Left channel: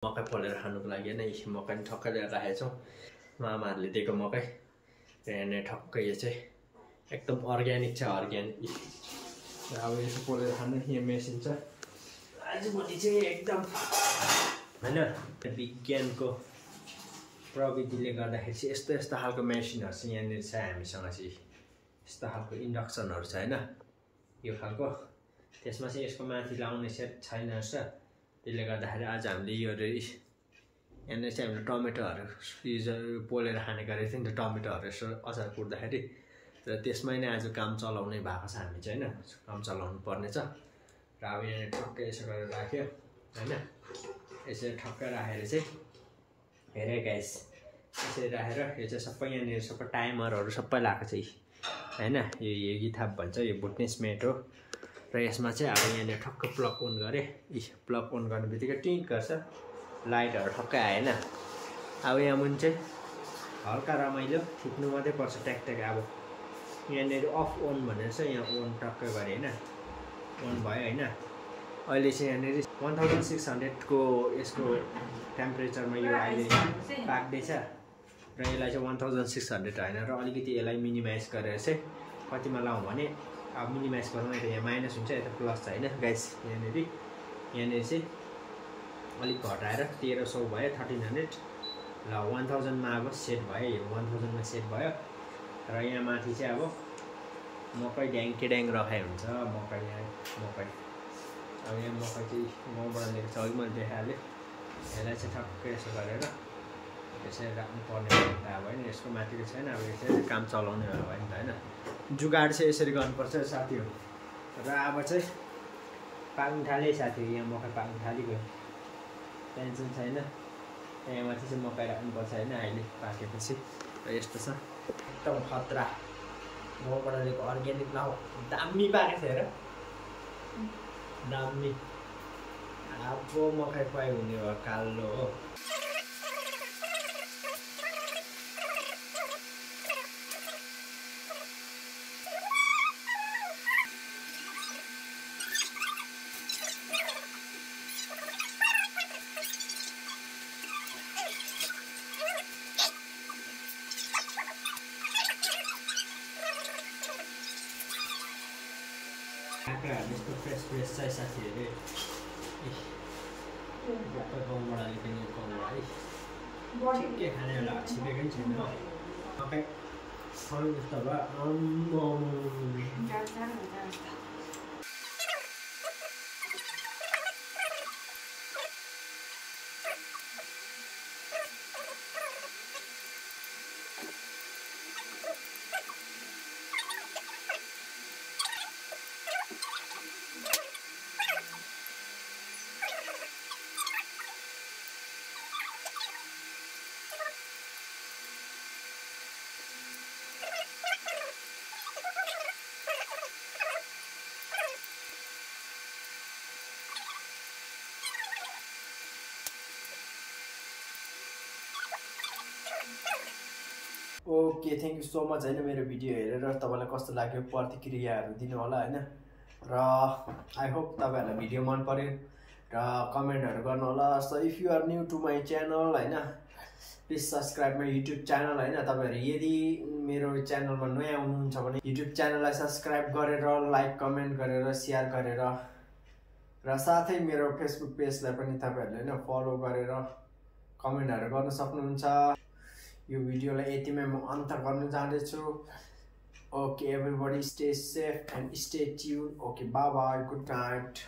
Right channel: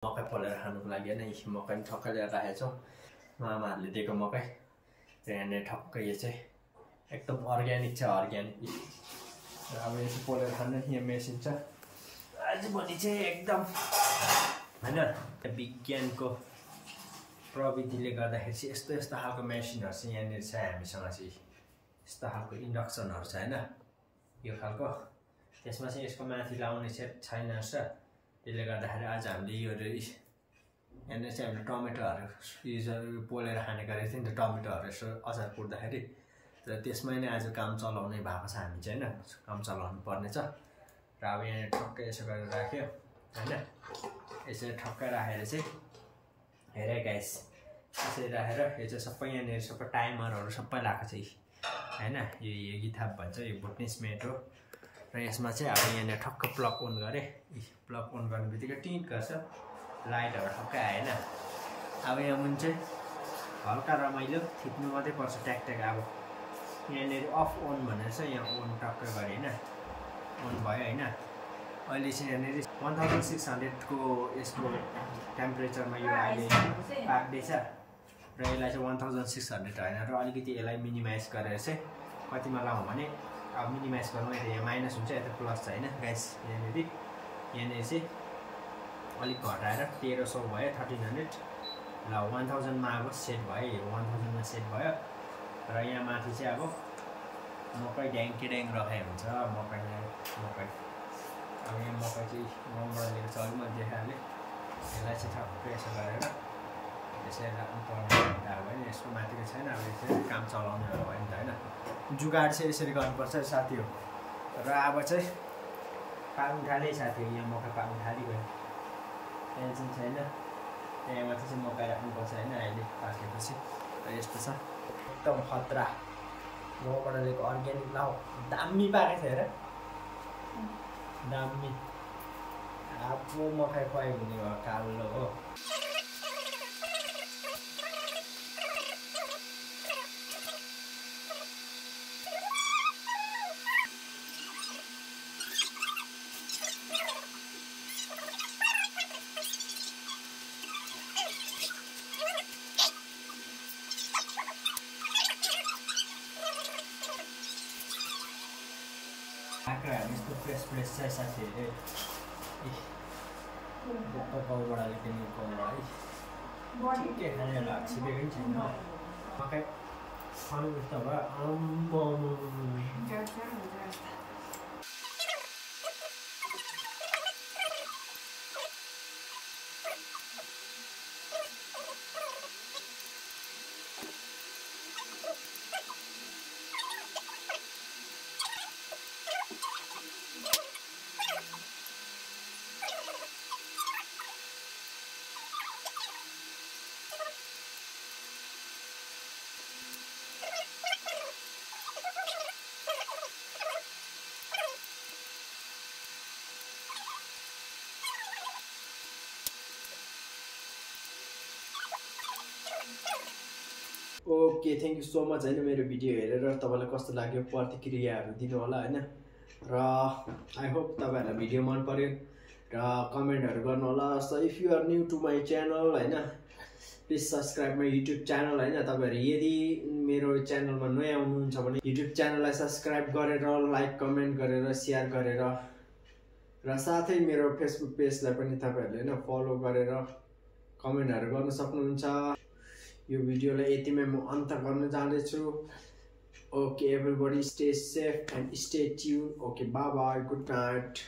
मकै पोलेर खानुको लागि नै मकै ठक्कै लिएर राखेको छौँ। मामाहरूले दिएको मकै र यहाँनिर ठक्कै यो चाहिँ एकदम अर्ग्यानिक छ, अर्ग्यानिक। अब यसो पोलेर खानु यहाँ मेसिन छ। आजभोलि चाहिँ एकदम होइन विज्ञानको प्रविधिले गर्दाखेरि चाहिँ यस्तो यस्तो खालको मेसिनहरू चाहिँ यहाँनिर छ हामीसँग चाहिँ। यस्तो खालको इन्डक्सनहरू छ होइन यो खालको। त्यसमा चाहिँ यसको माथि लाउने सेट छैन रहेछ। त्यसले गर्दाखेरि आज हामीले यो यहाँनिर चाहिँ हामीले टमेटोहरू पोलेर खाने गरेको थियो नि त, टमेटोहरू यसो अचार कुट्दाखेरि। र त्यसमै नै आज काम चलाउने भएको छ हामी चाहिँ होइन, काम चलाउनु पर्ने छ। र अब यहाँनिर ठक्कै यसो गरेर राख्यो होइन। यसरी ठक्कै राखेर चाहिँ हेरे गाइस, यसरी राखेर यो चाहिँ सबै यहाँनिर सबै टाइमरहरू सबै लगाएको छ होइन। यो हेगिथाप भन्छ, यो बुटनेस मेट हो। र यसमा चाहिँ अब यहाँनिर ठक्क प्लग अन गरेँ। प्लग अन गर्ने बित्तिकै टिङ्क गर्छ, लाइटहरू ठक्कै आएन। अब यहाँ मुनि चाहिँ हल्का रमाइलो थिच्नु मात्रै पर्छ ट्याक। अब यहाँनिर अफ अन भनेर चाहिँ यहाँ अन टक्कै गरेँ होइन, अन भयो होइन। अहिले चाहिँ यहाँनिर 1600 को यसको टेम्परेचरमा यो अहिले पाक्दैछ। र यसलाई चाहिँ 1600 होइन, र अलिकति यसलाई मिनिमाइज गरेर चाहिँ कतिमा लाउँ भने अब मिनिमाइज गरौँ। यता यहाँ माइनस हुन्छ, यता प्लस छ होइन गाइस। यहाँनिर चाहिँ अलिक घटाएर 1300 भयो, 1300 ल 1000मा अब सेट भयो। यो 1000मा सेट भयो। र यहाँ माथि चाहिँ अब मकै ड्याङ राखेको हुन्छ। मकै अब यहाँ मकै चाहिँ गाउँबाट लिएको छ, अलिक मैले देखाइहालेँ। यसलाई चाहिँ ठक्कै यसो गरेर यसरी राख्नु पर्ने त अब होइन। यसको माथिको छैन, अब यो चाहिँ काम चलाउनेहरू भयो नि त होइन। जुगाड चाहिँ यसरी गर्नुपर्छ साथी हो। र अब चाहिँ पाक्नु थाल्यो साथी हो, यहाँ मकै पाक्नु थालिगयो, टेन्सन छैन। यहाँ माथि चाहिँ मकै राख्नुपर्छ होइन अहिले पाकेपछि। र यस्तो छ एकदम खतरा गाउँबाट लिएको अर्ग्यानिक लाउ। दामी पाकेको थियो हेर, दामी। अब मकै खुवाइ हुने हो, कालो हो। काँक्राहरू यस्तो फ्रेस छ साथीहरू। गाउँबाट लिएको नि गाउँबाट है, ठिकै खाने होला, छिपेको पनि छैन। मकै खानु जस्तो भयो। Okay, thank you so much होइन मेरो भिडियो हेरेर तपाईँलाई कस्तो लाग्यो प्रतिक्रियाहरू दिनु होला होइन। र आई होप तपाईँहरूलाई भिडियो मन पर्यो र कमेन्टहरू गर्नु होला। So if you are new to my channel होइन, please subscribe my YouTube channel होइन। तपाईँहरू यदि मेरो च्यानलमा नयाँ हुनुहुन्छ भने युट्युब च्यानललाई सब्सक्राइब गरेर लाइक कमेन्ट गरेर सेयर गरेर, र साथै मेरो फेसबुक पेजलाई पनि तपाईँहरूले होइन फलो गरेर कमेन्टहरू गर्न सक्नुहुन्छ। यो भिडियोलाई यतिमै म अन्त गर्न जाँदैछु। Okay everybody, stay safe and stay tune. Okay, by by, good night.